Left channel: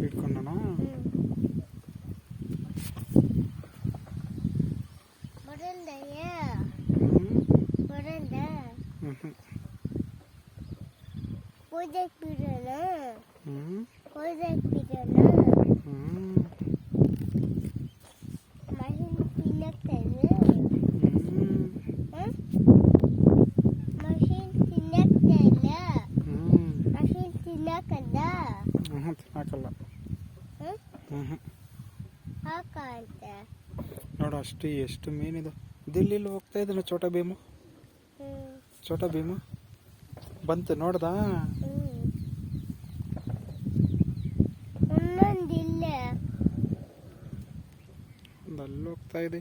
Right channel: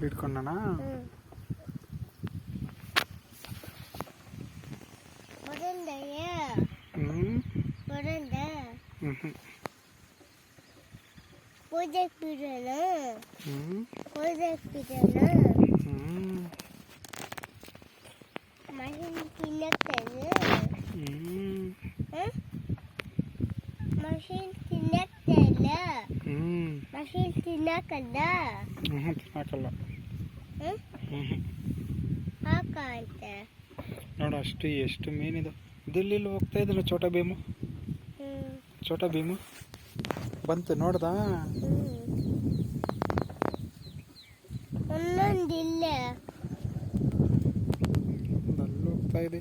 ಹಿಡ್ಕೊಂಡನಾ? ತಿನ್ನಕಲ್ಲ. ನೋಡು ಅಷ್ಟು ಎಷ್ಟು ಮೀನಿದೆ. ದಿಲ್ಲಿ ಹೋಗ್ತಾ ಇದ್ದಾನೆ ಛೋಟಾ ಭೀಮು. ಛೋಟಾ ಭೀಮು ಬಂತು ನೋಡ್ದಾ? ಅಲ್ಲಿ ಹೋಗ್ತಾ ಇದೆ.